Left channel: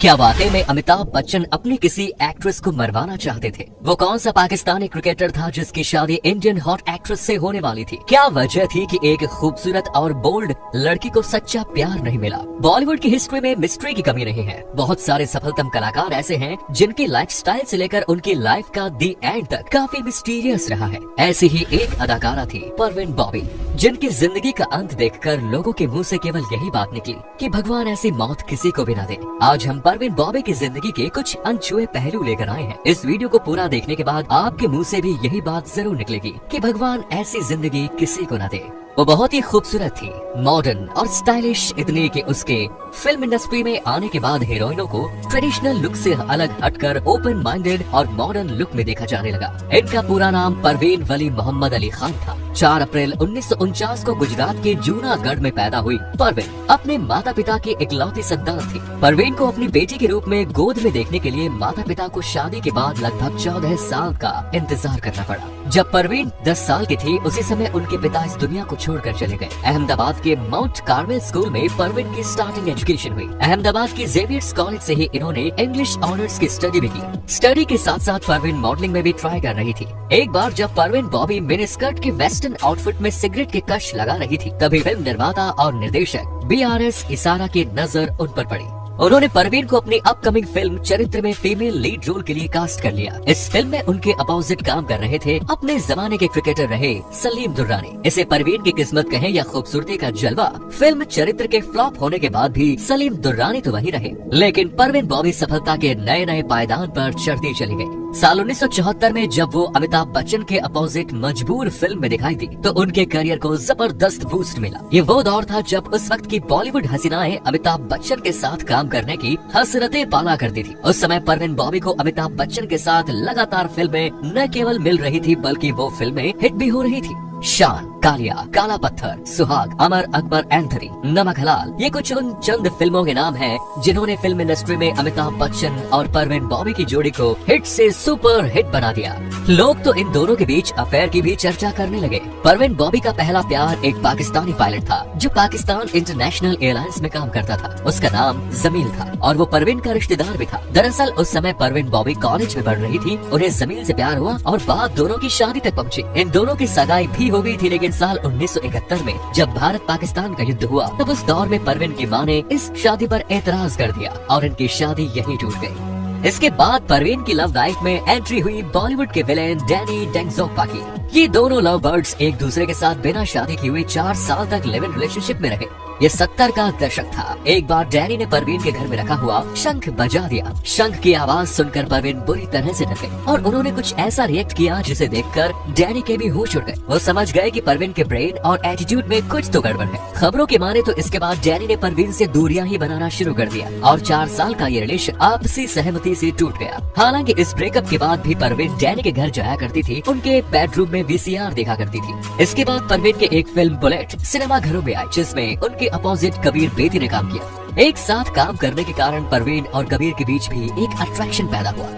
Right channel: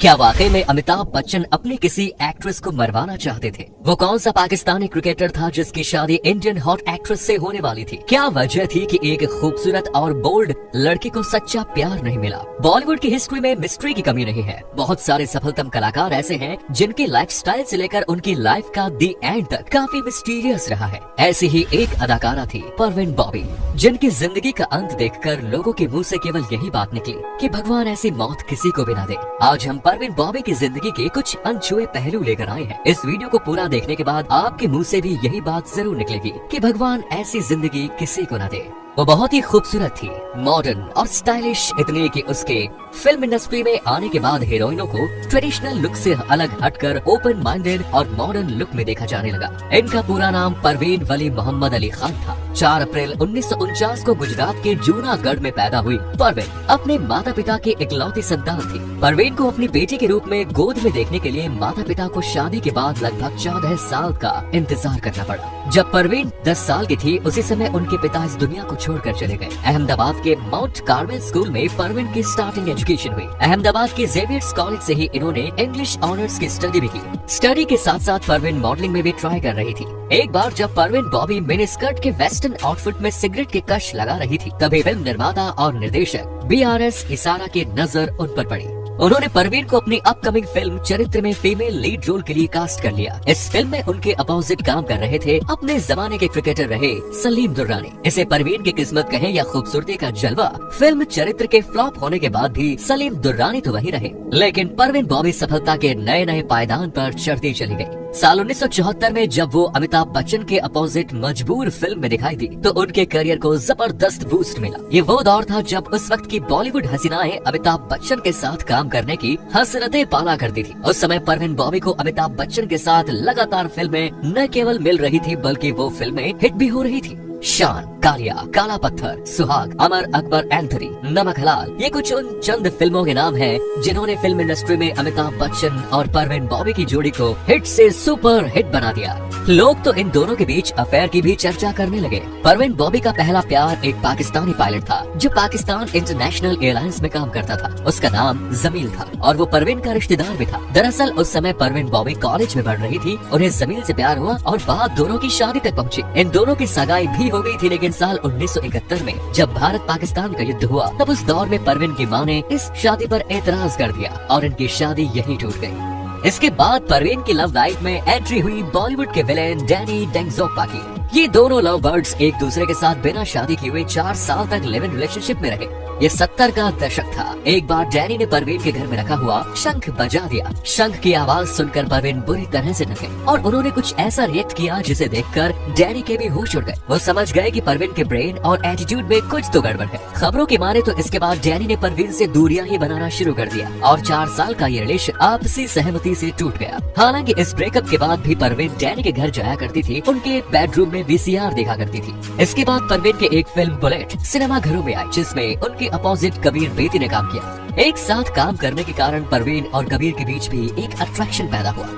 क्या वाकई में अमिताभ बच्चन अपनी किसी एक्ट्रेस को मरवाना चाहते थे? वो कौन सा पाकिस्तानी क्रिकेटर था जिसकी शादी इंडियन हॉट एक्ट्रेस से होने वाली थी? क्या वजह थी कि एक खूबसूरत और बोल्ड लड़की को सच्चा प्यार नहीं मिला? बॉलीवुड की हिस्ट्री में मिस्ट्री की कमी नहीं है। बहुत सारे सफलतम कलाकार ऐसे हैं जिनकी लाइफस्टाइल से लेकर उनकी लाइफ का दी एंड तक काफी मिस्टीरियस रहा है। ऐसी ही एक अदाकारा थी परवीन बॉबी, जिनकी जिंदगी का अंत देखकर लोगों के मुंह से केवल यही बात निकली कि भगवान ऐसी मौत किसी को भी न दे। आज हम परवीन बॉबी की जिंदगी के कुछ अनछुए पहलू लेकर आए हैं। इस वीडियो को पूरा देखने के बाद आपके मुंह से भी यही बात जरूर निकलेगी कि भगवान ऐसी जिंदगी किसी को न दे। वो बहुत ही खूबसूरत थी, मॉडर्न और स्टाइलिश, इतनी कि उसके फिल्म इंडस्ट्री में आने के बाद हीरोइनों को ट्रेडिशनल लुक से अलग हटकर ओपन माइंडेड और मॉडर्न लुक में देखा जाने लगा। इनका पूरा नाम परवीन वली मोहम्मद अली खान था। 4 अप्रैल 1949 को गुजरात के जूनागढ़ में पैदा हुई परवीन अपने माता पिता की इकलौती संतान थी। परवीन को अपनी बेटी के रूप में गोद में देखने के लिए माता पिता को शादी के बाद लगभग 14 साल का इंतजार करना पड़ा। जब परवीन 10 साल की थी, उसी समय उनके पिता इस दुनिया को छोड़कर चले गए। अहमदाबाद के माउंट कार्मेल स्कूल में परवीन की स्टार्टिंग एजुकेशन हुई। अहमदाबाद के जेवियर्स कॉलेज से ही इन्होंने इंग्लिश ऑनर्स की स्टडी भी की। स्टडी के साथ साथ परवीन मॉडलिंग में भी ट्राई कर रही थी। एक बार जब परवीन बॉबी मिनी स्कर्ट के वेस्टर्न आउटफिट में सिगरेट के कश लगा रही थी, तभी फिल्म निर्माता और निर्देशक BRS इसारा की नजर उन पर पड़ी। उन्होंने परवीन को अपनी अपकमिंग फिल्म चरित्र में फीमेल लीड रोल के लिए कास्ट कर लिया। इस फिल्म में उनके अपोजिट काम कर रहे थे अपने जमाने के क्रिकेटर रहे सलीम दुर्रानी। इसे परवीन की किस्मत कहे या खूबसूरती का जलवा, फिल्म चरित्र के फ्लॉप होने के बाद भी सलीम दुर्रानी तो वही रहे, लेकिन परवीन बॉबी सफलता के नए नए पायदान पर चढ़ती चली गई। साल 1974 में जब वो अमिताभ बच्चन के अपोजिट मजबूर फिल्म में दिखाई दी, तो उनके करियर को जबरदस्त बूस्ट मिला। ये वो दौर था जब उस वक्त की बॉलीवुड हसीनाएं अमिताभ बच्चन के साथ काम करने की हसरतें पाला करती थी। उस समय परवीन बॉबी को अमिताभ बच्चन के साथ लगातार फिल्में न केवल मिल रही थी, बल्कि वो फिल्में हिट भी हो रही थी। शान, कालिया, काला पत्थर, सुहाग, अमर अकबर एंथनी, नमक हलाल, ये कुछ उन चंद फिल्मों के नाम हैं जिन्होंने फिल्म इंडस्ट्री में अमिताभ बच्चन और परवीन बॉबी की जोड़ी को हिट से सुपर हिट बना दिया। लोग तो इन दोनों के बीच अफेयर की भी चर्चा करने लगे। परवीन बॉबी का पहला प्यार एक पाकिस्तानी पायलट था जो पाकिस्तान इंटरनेशनल एयरलाइंस में काम करता था। उसका नाम जमील था और वो परवीन का रिश्तेदार भी था। दरअसल उस समय परवीन बॉबी कॉलेज में पढ़ रही थी। उन्हें जमील से प्यार हुआ और बात दोनों की शादी तक पहुँची। इन दोनों की सगाई भी हो गई थी, लेकिन साल 1971 में जब भारत पाकिस्तान का युद्ध हुआ, तब उस दौर में परवीन की मां ने इस शादी पर एतराज कर दिया और इनकी शादी यही टूट गई। इसके बाद परवीन की लव लाइफ में एंट्री हुई बॉलीवुड के विलेन डैनी डेंजोग्पा की। ये दोनों लव बर्ड्स एक दूसरे के साथ बिना शादी किए हुए 4 साल तक लिव इन रिलेशनशिप में रहे। ये 70 का दशक था। एक बार डैनी ने परवीन के घर में रखा हुआ शंख बजा दिया। शंख की आवाज सुनकर परवीन बुरी तरह से डर गई और उन्होंने कुछ ऐसा रिएक्ट किया जिसे देखकर डैनी के भी होश उड़ गए। वो समझ गए कि परवीन के ब्रेन और एटीट्यूड में कुछ तो गड़बड़ है। खबरों की माने तो इसके बाद डैनी ने परवीन से दूरियां ही बनाना शुरू कर दिया और 4 साल का ये रिलेशन आपसी सहमति से टूट गया। हालांकि इस ब्रेकअप के बाद भी परवीन डैनी के घर जाया करती थी, उनके बेडरूम में VCR देखा करती थी। इसके बाद परवीन की एक फिल्म बुलेट सिनेमा घरों में आई, जिसमें उनके अपोजिट कबीर बेदी ने काम किया। एक साथ काम करने के कारण परवीन और कबीर के बीच भी एक अट्रैक्शन पैदा हुआ।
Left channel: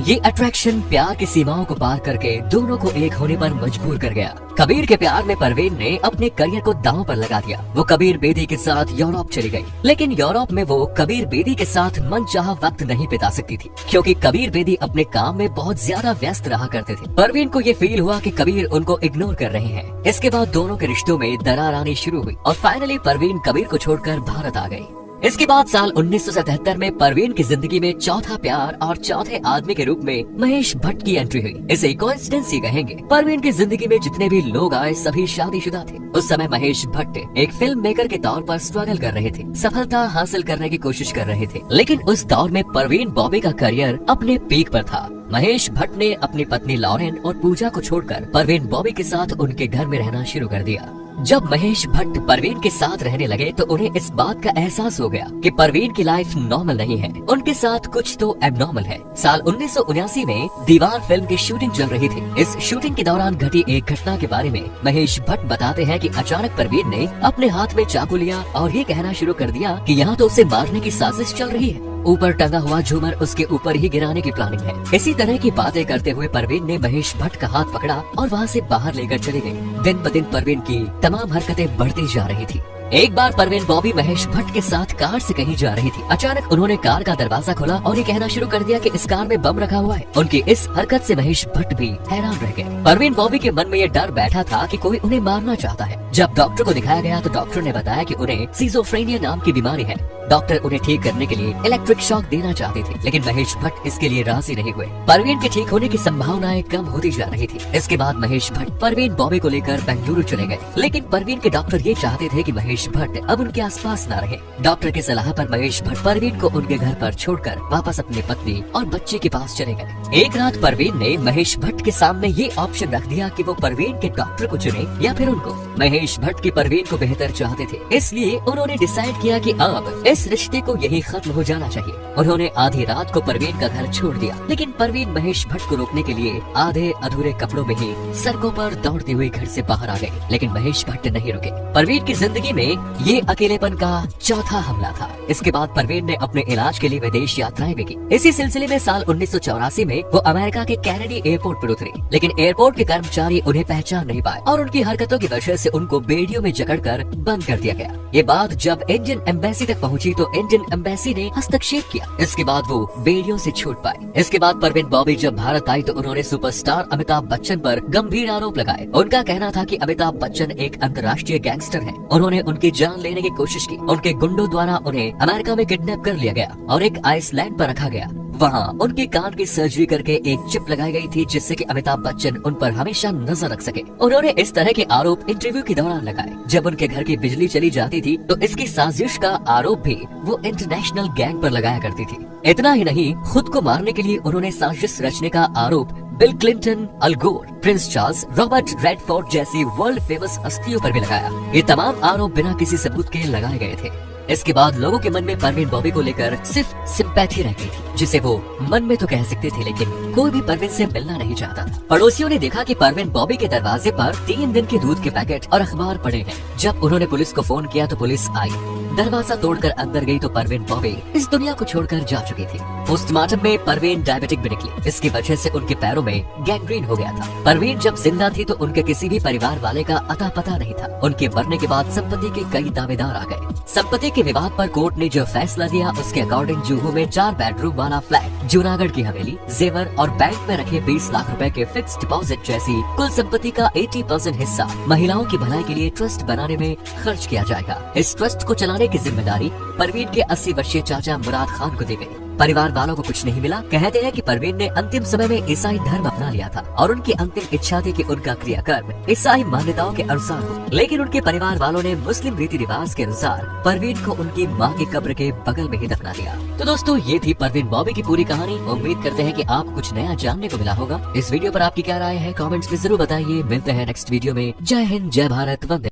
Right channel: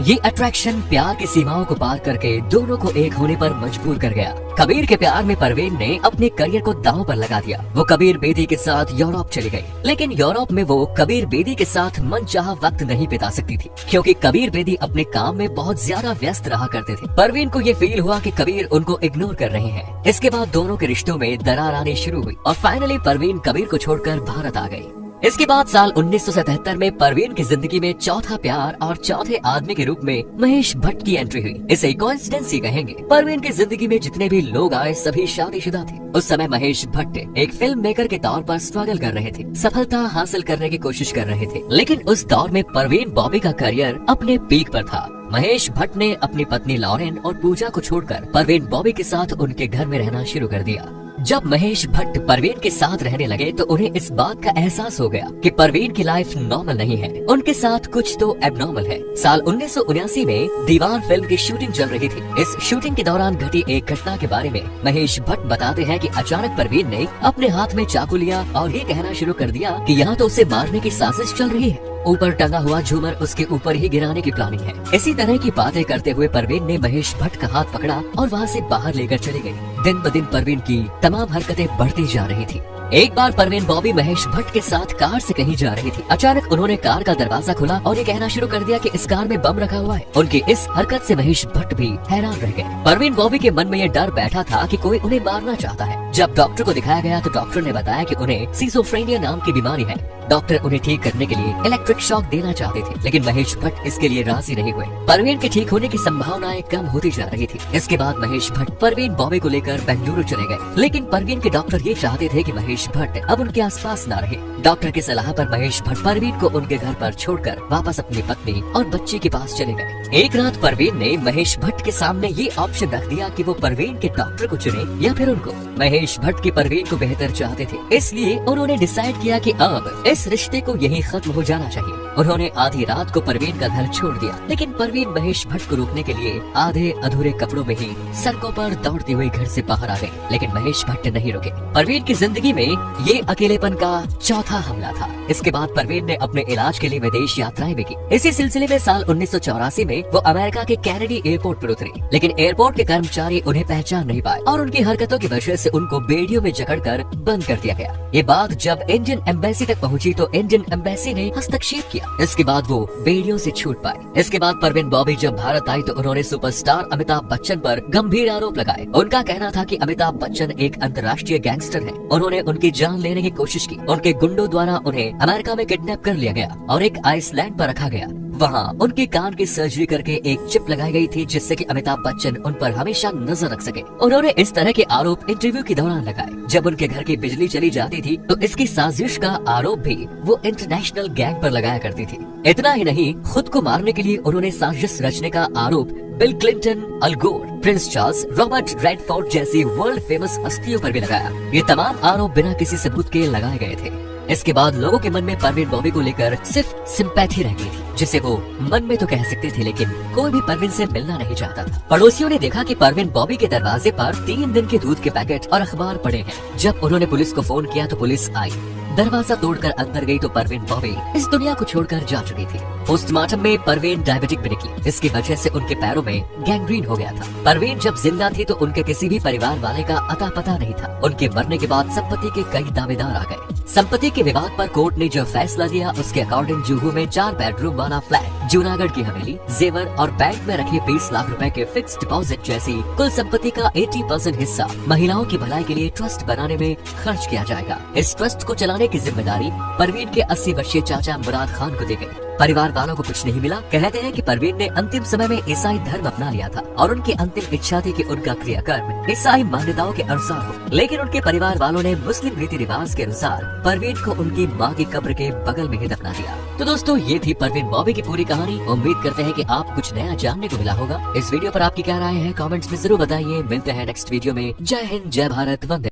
ये अट्रैक्शन प्यार की सीमाओं को पार करके दोनों को एक होने पर मजबूर कर गया। कबीर के प्यार में परवीन ने अपने करियर को दांव पर लगा दिया। वो कबीर बेदी के साथ यूरोप चली गई, लेकिन यूरोप में वो कबीर बेदी के साथ मनचाहा वक्त नहीं बिता सकती थी, क्योंकि कबीर बेदी अपने काम में बहुत ज्यादा व्यस्त रहा करते थे। परवीन को ये फील हुआ कि कबीर उनको इग्नोर कर रहे हैं। इसके बाद दोनों के रिश्तों में दरार आनी शुरू हुई और फाइनली परवीन कबीर को छोड़कर भारत आ गई। इसके बाद साल 1977 में परवीन की जिंदगी में चौथा प्यार और चौथे आदमी के रूप में महेश भट्ट की एंट्री हुई। इसे कोइंसिडेंस ही कहेंगे। परवीन की जिंदगी में जितने भी लोग आए सभी शादीशुदा थे। उस समय महेश भट्ट एक फिल्म मेकर के तौर पर स्ट्रगल कर रहे थे, सफलता हासिल करने की कोशिश कर रहे थे, लेकिन उस दौर में परवीन बॉबी का करियर अपने पीक पर था। महेश भट्ट ने अपनी पत्नी लॉरेन और पूजा को छोड़कर परवीन बॉबी के साथ उनके घर में रहना शुरू कर दिया। जब महेश भट्ट परवीन के साथ रहने लगे तो उन्हें इस बात का एहसास हो गया कि परवीन की लाइफ नॉर्मल नहीं है, उनके साथ कुछ तो एबनॉर्मल है। साल 1979 में दीवार फिल्म की शूटिंग चल रही थी। इस शूटिंग के दौरान घटी एक घटना के बारे में महेश भट्ट बताते हैं कि अचानक परवीन ने अपने हाथ में चाकू लिया और ये कहना शुरू कर दिया कि यहाँ तो उसे मारने की साजिश चल रही है। ऊपर टंगा हुआ झूमर उसके ऊपर ही गिराने की प्लानिंग है। इसी तरह की बातें करते हुए परवीन ने महेश भट्ट का हाथ पकड़ा और वहाँ से बाहर लेकर चली गई। दिन ब दिन परवीन की तमाम हरकतें बढ़ती जा रही थी। एक बार परवीन बॉबी महेश भट्ट के साथ कार से कहीं जा रही थी। अचानक उन्होंने कार का दरवाजा खोला और ये कहना शुरू कर दिया कि इस कार में बम रखा हुआ है। उनकी इस हरकत से महेश भट्ट भी हैरान रह गए। परवीन बॉबी के मन में ये डर बैठा था कि कोई उन्हें मारना चाहता है। जब डॉक्टर को दिखाया गया तो डॉक्टर ने बताया कि उन्हें सिजोफ्रेनिया नाम की बीमारी है। डॉक्टर उन्हें ठीक करने के लिए इलेक्ट्रिक शॉक देना चाहते थे, लेकिन महेश भट्ट इसके लिए राजी नहीं हुए। परवीन के ठीक होने की संभावनाएं कम होती जा रही थी। इसके बाद महेश भट्ट परवीन बॉबी को लेकर बेंगलुरु चले गए, लेकिन परवीन के डॉक्टर ये चाहते थे कि महेश भट्ट अब उनके आसपास न रहे। डॉक्टर की सलाह पर महेश भट्ट परवीन को उनके घर पर छोड़कर वापस अपनी पत्नी और बच्चे के पास चले गए। एक रात परवीन ने महेश भट्ट के सामने ये ऑप्शन रख दिया कि वो परवीन के डॉक्टर को चुने या फिर उनको। महेश भट्ट के परवीन को बेहतर चाहते थे, इसलिए उन्होंने डिसाइड किया कि अब इस रिश्ते को यहीं खत्म हो जाना चाहिए। उन्होंने आधी रात को परवीन का घर छोड़ दिया, लेकिन परवीन महेश भट्ट को रोकने के लिए आधे अधूरे कपड़ों में ही सड़कों पर दौड़ती हुई घर से बाहर आ गई, लेकिन महेश भट्ट नहीं रुके। परवीन की जिंदगी में ये अकेलेपन का चौथा हमला था। इसके बाद परवीन ने अपने इलाज के लिए विदेश यात्राएं भी की। इसी सिलसिले में साल 1984 में वो अमेरिका के कैनेडी एयरपोर्ट पर उतरी, लेकिन एयरपोर्ट के कर्मचारी उन्हें पहचान नहीं पाए और उनकी हरकतों की वजह से उनको बेड़ियों में जकड़कर बंद कर दिया गया। ये बात जब इंडियन एम्बेसी तक पहुंची तो इंडियन एम्बेसी ने हस्तक्षेप किया। इसके बाद वो बेड़ियों से छूट पाए। इसके बाद परवीन बॉबी जब भारत आई तो उन्होंने सुपरस्टार अमिताभ बच्चन पर गंभीर आरोप लगाए। उनका कहना था कि अमिताभ बच्चन एक अंतर्राष्ट्रीय गैंगस्टर है। उन्होंने उनकी जान लेने की कोशिश की। उनके गुंडों द्वारा उन्हें अमेरिका में किडनैप कर लिया गया और एक आइसलैंड पर रखा गया। वहाँ उनके कान की सर्जरी करके एक चिप लगाई गई थी, जिससे कि अमिताभ बच्चन उन पर हमेशा नजर रख सके। उन्होंने इस तरह के आरोप इंटरव्यू के दौरान लगाए। जब उनके घर की बिजली चली जाती थी तो इसकी साजिश का आरोप भी वो इंटरनेशनल गैंग पर लगाया करती थी। इतना ही नहीं, खुद को मारने के लिए उन्होंने साजिश रचने का आरोप बिल क्लिंटन, अल गोर, प्रिंस चार्ल्स, रॉबर्ट रेडफोर्ड जैसी वर्ल्ड फेमस हस्तियों पर भी लगाया। ये तमाम आरोप बिना किसी सबूत के लगाए गए थे। इसके बाद लोगों के मन में परवीन बॉबी को लेकर सिर्फ सिंपैथी रह गई थी, जिसे वो मन में तो कह सकते थे, लेकिन कोई भी परवीन से मिलना नहीं चाहता था। पड़ोसियों ने देखा कि परवीन बॉबी के दरवाजे पर 3 दिन के दूध के पैकेट और अखबार पड़े हैं। जब उन्होंने पुलिस को फोन किया तो पुलिस आई। दरवाजा तोड़कर अंदर गई तो परवीन बॉबी इस दुनिया को छोड़कर जा चुकी थी। पोस्टमार्टम में परवीन डायबिटिक भी निकली। इसकी वजह से उनके पैरों में गैंग्रीन हो गया था। परवीन जब जिंदा थी तो उनके किसी भी परिवार वाले का अता पता नहीं था। उनके मरने के बाद संपत्ति के कई दावेदार आ गए। संपत्ति के विवाद पर कोर्ट ने जो फैसला दिया उसके अकॉर्डिंग जुहू में 4 बेडरूम वाला फ्लैट, जूनागढ़ की हवेली, जेवर और बैंक में रखे 20 लाख रुपए के फिक्स डिपॉजिट जैसी कुल संपत्ति का 80% हिस्सा महिलाओं की भलाई के लिए ट्रस्ट बनाने में खर्च किया जाएगा। इस ट्रस्ट को चलाने की जिम्मेदारी परवीन के 80 वर्षीय चाचा मुराद खान को दी गई। परिवार वालों को कुछ नहीं मिला। कहते हैं कि परवीन ने अंतिम समय में ईसाई धर्म अपना लिया था और उनकी अंतिम इच्छा थी कि उनका क्रियाकर्म ईसाई मान्यताओं के अनुसार हो, लेकिन उनके परिवार वालों ने मुस्लिम रीति रिवाज के अनुसार परवीन को उनकी मां की कब्र के बगल में ही दफना दिया। तो दोस्तों, ये थी परवीन बॉबी की पूरी कहानी। उम्मीद करते हैं कि आप कुछ नया जानने को मिला होगा। इस वीडियो पर आपकी क्या राय है कमेंट्स में जरूर बताइए। मिलते हैं नेक्स्ट वीडियो में। जय हिंद, जय भारत, वंदे।